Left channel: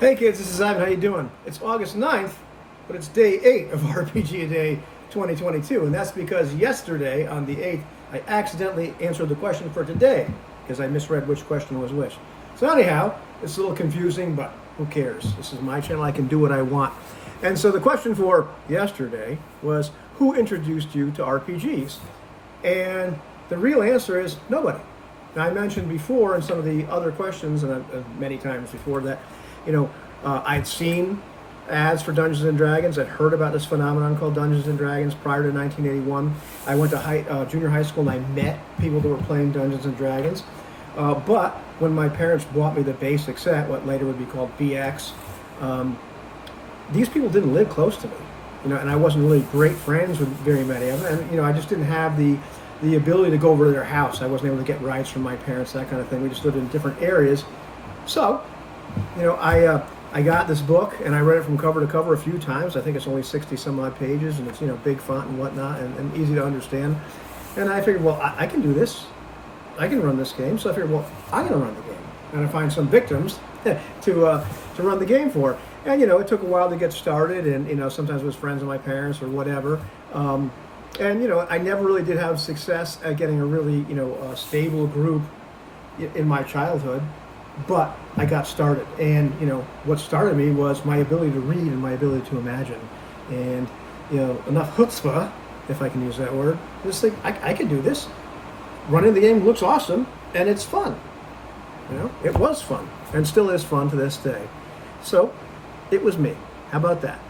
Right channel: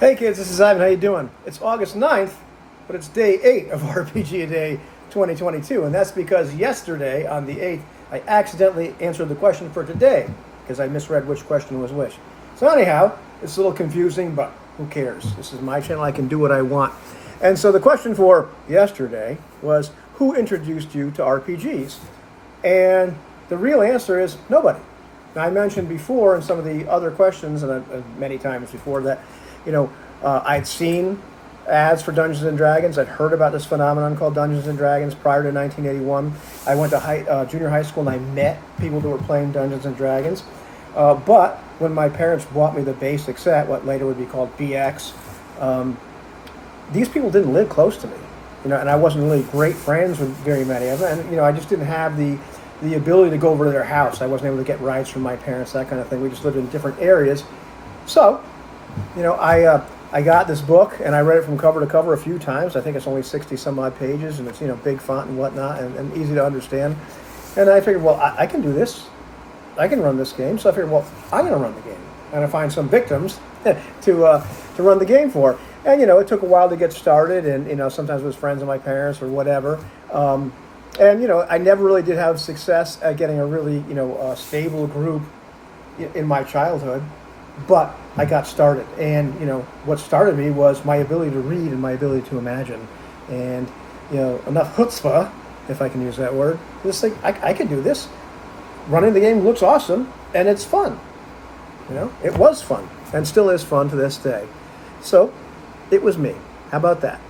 Hey kids, this is Ivan. How you doing? It's August 9th, but it's day 8 of RPG A Day 2022, and that's because yesterday on the 8th, I accidentally answered the question for today because I misread which question was which. So anyhow, it's a little confusing, but who cares? This is my channel. I can do what I want. And so the question for yesterday was, who introduced you to RPGs? And the real answer is nobody. Now, I mentioned before in some of the other questions, and many times before that, I'd seen ads for Dungeons and Dragons. I'd heard about this phenomenon called Dungeons and Dragons prior to 1981. I went to junior high school and I met people that were playing Dungeons and Dragons. But when my parents bought me the basic set, what later would be called BX, these people didn't live close to me, and I wasn't really great friends with very many of them. And I just didn't have the ability to go over to their house. I wasn't able to get rides from my parents, that kind of thing. We just lived in different areas. So, I got this book and I read it from cover to cover a few times. I think it's only 60 some odd pages and it's, big font and whatnot and easy to understand. And I figured, well, I can do this. I can run this game. So I figured, well, I'm going to run the game. And I find some victims to run the game for. And, it took a while to get started. And, sometimes it was friends of my parents or whatever. And, I never really did have success at getting a really, stable group in my childhood. But I got started, and what started me was my ability to read and my ability to imagine, and enough chutzpah, if I can use that word. Just think I can do this. Running the game looks awesome, and it's fun. It was fun, and still is fun to this day. So, it was me. How about that?